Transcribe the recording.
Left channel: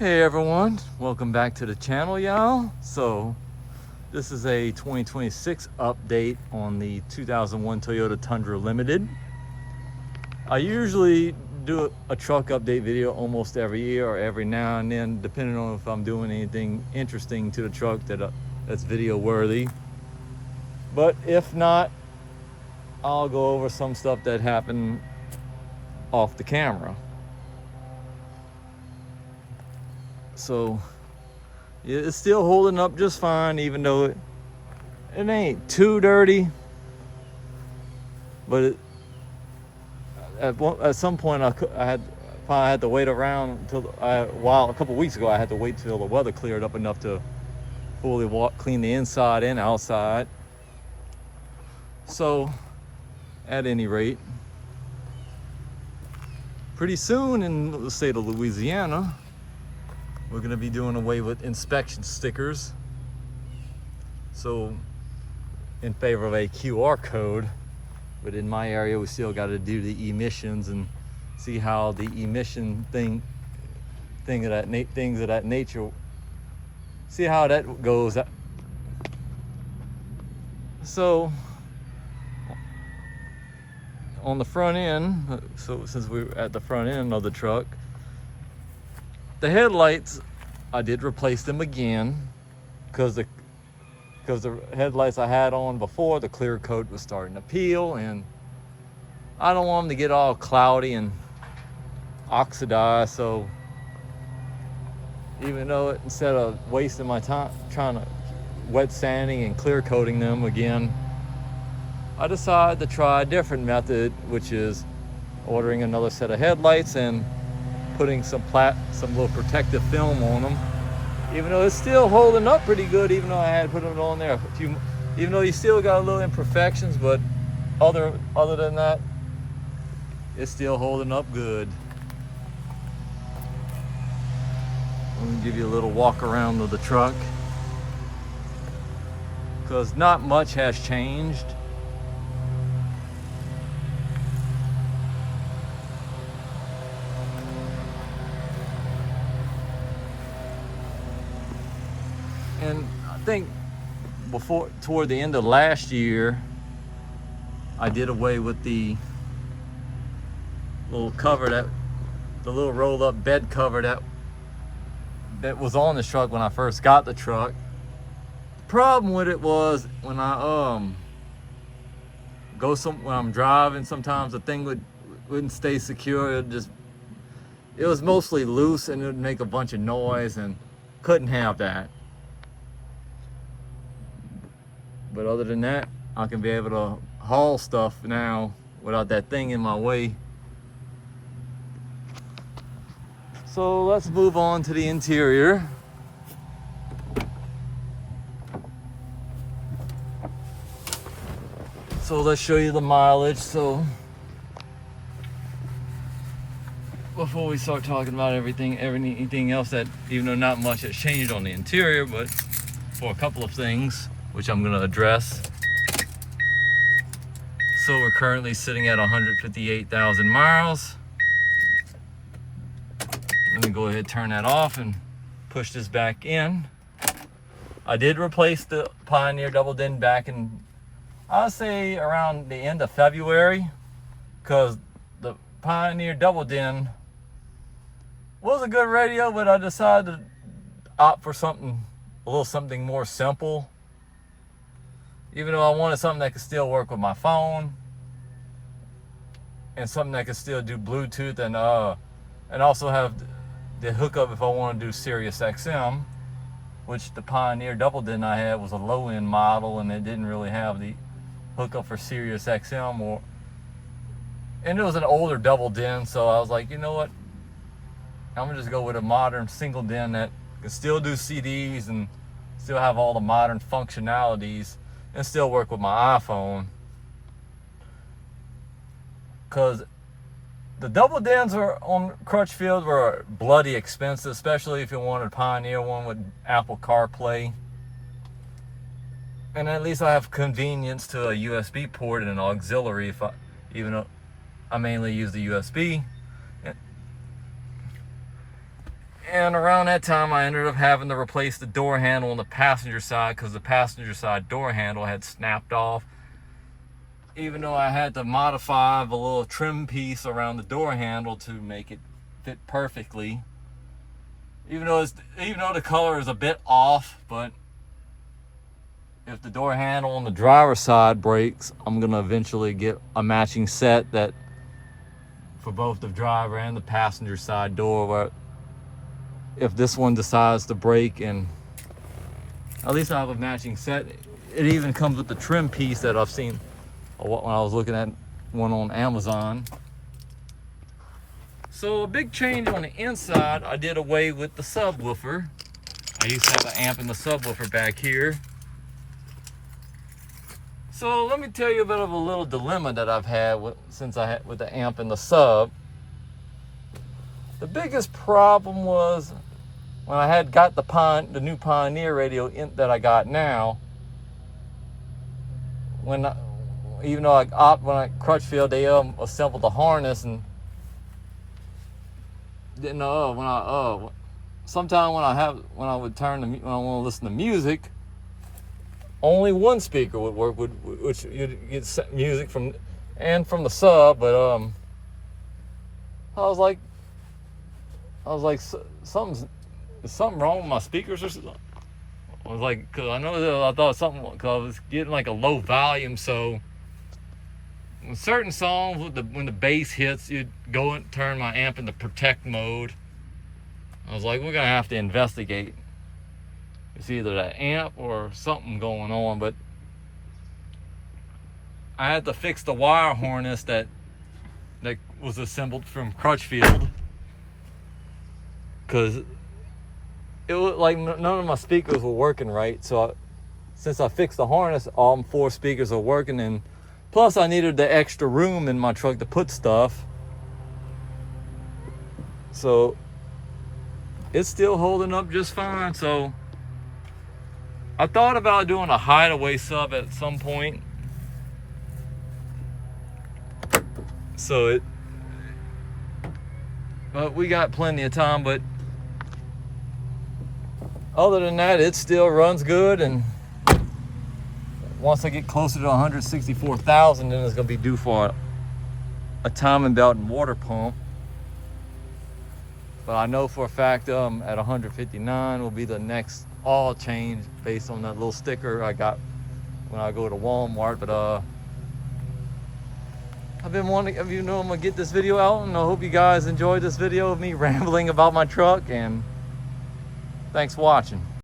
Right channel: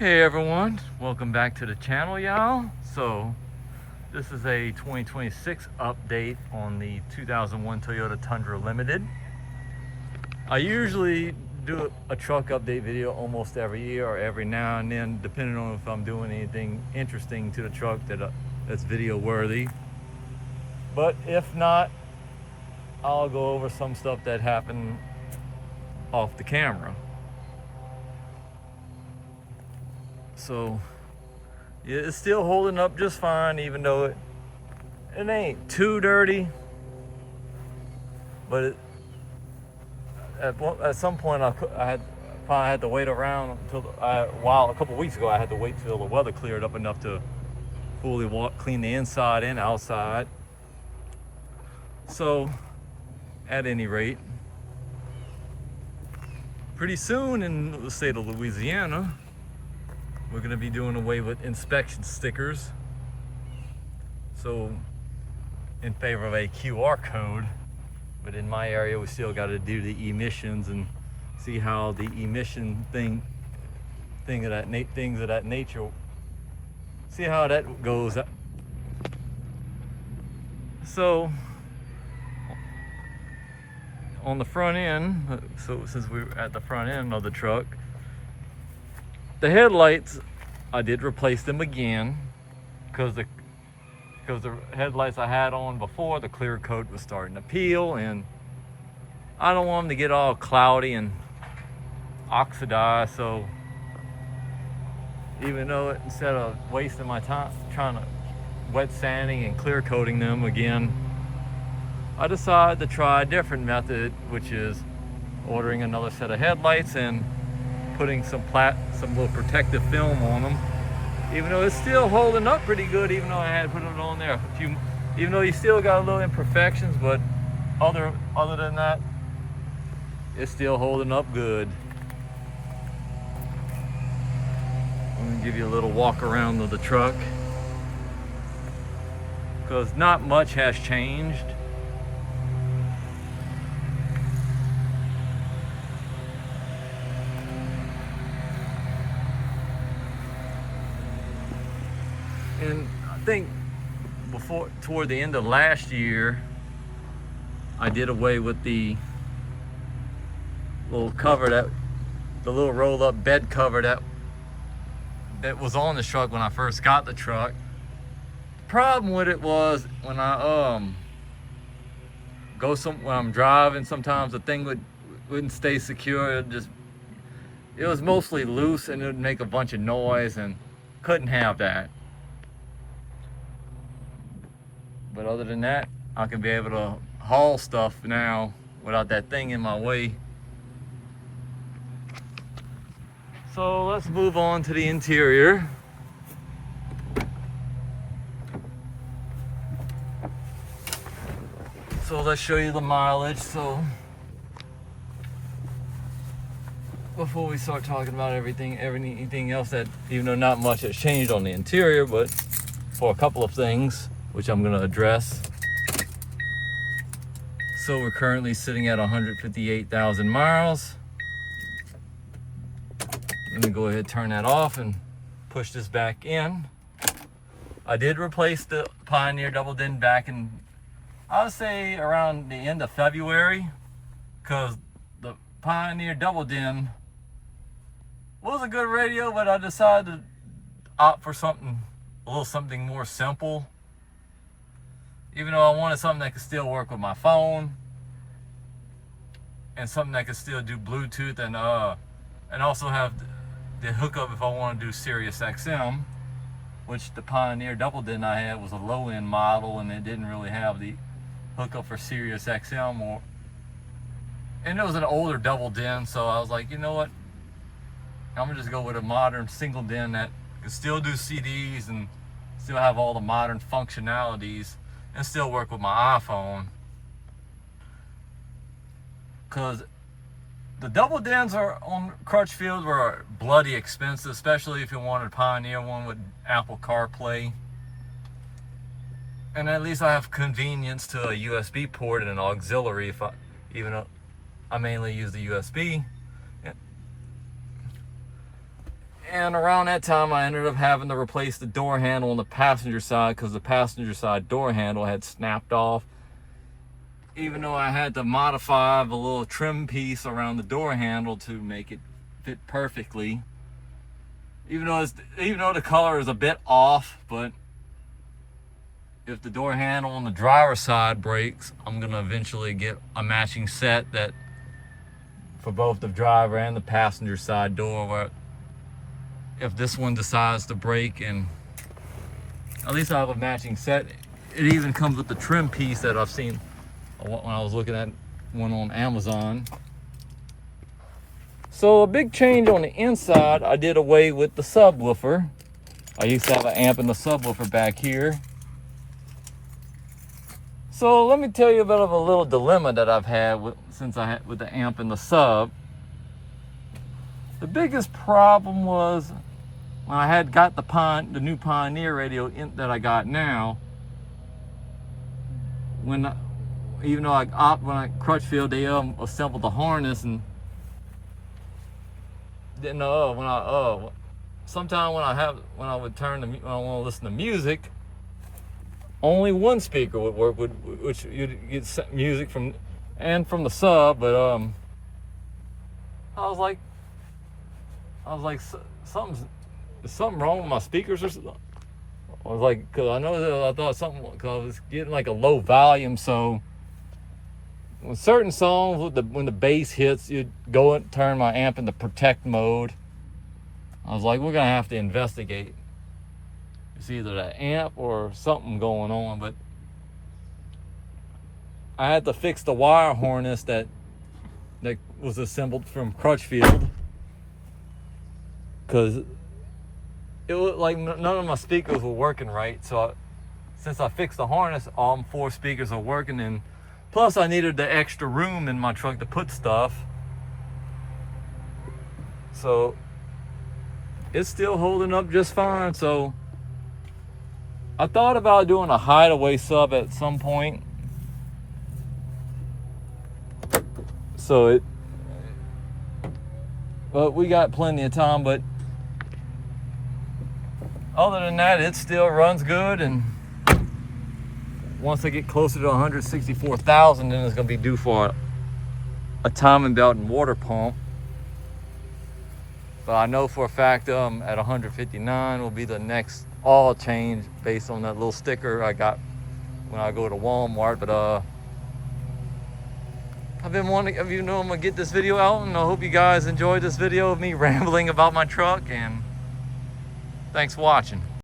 Hey everyone, welcome back to the channel, y'all. So this is a 2026 update on the 2001 Toyota Tundra Limited. I usually do a truck update video almost every year or every now and then, depending on if I'm doing anything interesting to the truck that's video worthy. But if not, I'll go over some stuff that happened off the camera. So it's still holding up just fine, even though it ain't too dirty. But at some point I had to wait around until a couple weeks ago I had to wait till the weather cleared up enough to fully clean the inside and outside. So at any rate, pretty soon in the state of Louisiana, we're going to be doing away with inspection stickers. So in favor of a QR code, but in my area we still got to do the emissions and see how the emission things of that nature, see how that goes. So on the front end, so since we're at the front end of the truck, the headlights, I did replace them again because the headlights I had on before, the clear coat was starting to peel, and I don't want them to get all cloudy and oxidized. So even though instead of wasting my time trying to wet sanding and clear coating them again, I decided to try a different method, which is ordering another set of headlights and putting some little protective film on them. Even though it's still holding up pretty good, even though I had put it on there even though you still got a little imperfections, but other than that, it's still holding up good. Let me give you a little walk around of the truck, because not much has changed. And I think toward the end of last year, I did away with the little cover the little rolled up bed cover that was on the truck when I first got the truck. The problem with it was when when I'm driving, sometimes the thing wouldn't stay secure. It was mostly loose and it would make a bunch of noise, and couldn't have that. But other than that, I can be able to haul stuff now without that thing in my way. So let's move on to the interior. So let's show you the mileage. So before we start talking about everything else, that even though not much has changed on the interior, but for a couple of things which I'm going to address. So we're currently sitting at 158,000 miles. Let me go ahead and turn that off and push this back in. I did replace the Pioneer double din back in, I would say around the end of February, because the Pioneer double din was a good radio, but I decided to opt for a little something more simple. Even though I wanted something that could still work with my phone, and something that could still do Bluetooth, and also have the hookup if I want to do Sirius XM, which the Pioneer double din I had was a low-end model, and it didn't really have the hookup for Sirius XM, and it was an older double din. So I was like, you know what, I'm gonna just go with a modern single din that can still do CDs and still have all the modern functionalities and still work with my iPhone. Because the double dins on Crutchfield were bloody expensive, especially if you wanted a Pioneer one with Apple CarPlay. And at least I have convenience to a USB port and an auxiliary, even though I mainly use the USB. And around that time, I ended up having to replace the door handle on the passenger side because the passenger side door handle had snapped off. Even though I had to modify the little trim piece around the door handle to make it fit perfectly. Even though the color is a bit off, but if the door handle on the driver's side breaks, I'm gonna eventually get a matching set that for both the driver and the passenger side door, where if this one decides to break, and at least I have a matching set. It even comes with the trim piece that I've seen when I was looking at one on Amazon. So a big change on the inside, I did away with the subwoofer. I used to have an amp in the subwoofer back here. So let me tell you a bit of a little dilemma that I've had with the amp and the sub. The biggest problem was when I had got the new Pioneer radio that I got now. When I Crutchfield, they assembled the harness and didn't know. Sometime when I want to listen to music, only one speaker would work, which you'd get music from the sub. But I was like, something wrong with my speakers or something. I was like, cause I thought something, cause I was getting like a low volume. So when certain songs, when the bass hits, you'd go and turn my amp into protect mode. I was like, we're gonna have to investigate. It's either the amp or something going on, but I had to fix the wire harness that was assembled from Crutchfield, because it was like none of my speakers were working right. So since I fixed the harness, all 4 speakers are working, and plus I needed the extra room in my truck to put stuff. So it's still holding up just fine. So I thought about doing a hideaway sub at some point. But we got plenty of time. But other than that, it still runs good. And once I get closer to 164,000, then it's gonna be due for a timing belt and water pump. But I know for a fact at 159 will be the next oil change based on that little sticker I got when I go to Walmart. But I've been wanting, I'm gonna get this video out, and I hope you guys enjoyed this video of me rambling about my truck, and thanks for watching.